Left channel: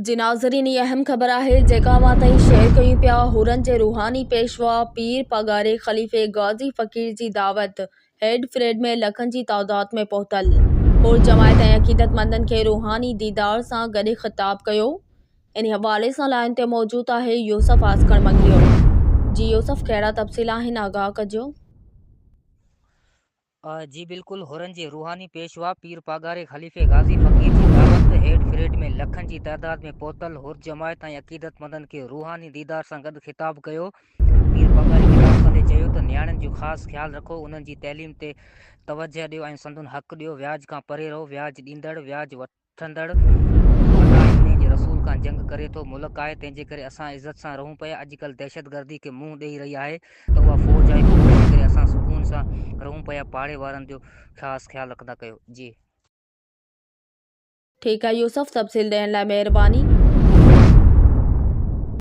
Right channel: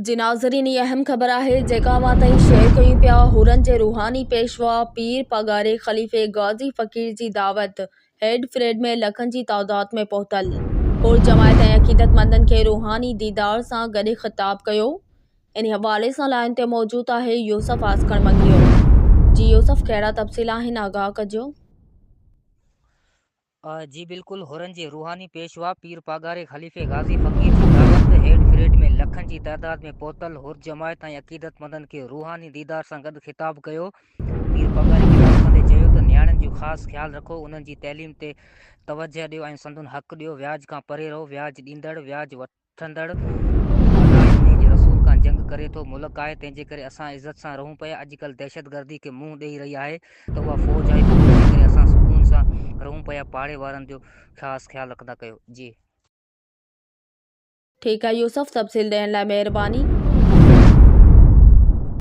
जी नाज़रीन, ये अहम ख़बर आहे जेका मां ताईं शेयर कयूं पिया। हुरन जे रूहानी पेशवा पीर पगारे ख़लीफ़े गाज़ी फ़कीर जी दावत हेड फ्रेड में लखनि जी तादाद में पहुतल। हुर जमायत ऐं अक़ीदतमंदनि खे रूहानी दीदार सां गॾु ख़िताब कयो। इन हवाले सां लाइन ते मौजूद आहे यूसुफ आस्कर मंगियो। जी यूसुफ, कहिड़ा तफ़सील आहिनि, आगाह कजो। जी बिल्कुल, हुरन जे रूहानी पेशवा पीर पागारे ख़लीफ़े गाज़ी फ़कीर जी दावत हेड फ्रेड में लखनि जी तादाद में पहुतल। हुर जमायत ऐं अक़ीदतमंदनि खे रूहानी दीदार सां गॾु ख़िताब कयो। पीर पगारे ख़िताब कंदे चयो त नियाणियुनि जो ख़ासि ख़्यालु रखो, उन्हनि जी तइलीम ते तवजह ॾियो ऐं संदुनि हक़ ॾियो। व्याज खां परे रहो। व्याज ॾींदड़ व्याज वठंदड़ अलाह ऐं उन जे रसूल खां जंग करे थो। मुल्क आहे तंहिंजे करे असां इज़त सां रहूं पिया। अॼुकल्ह दहशतगर्दी खे मुंहुं ॾेई रही आहे त उहा फ़ौज आहे, फ़ौज जे करे असां सुकून सां रहूं पिया। पाड़े वारनि जो ख़ासि ख़्यालु रखंदा कयो। जी ठीकु आहे यूसुफ, तफ़सील ॾियण लाइ महिरबानी।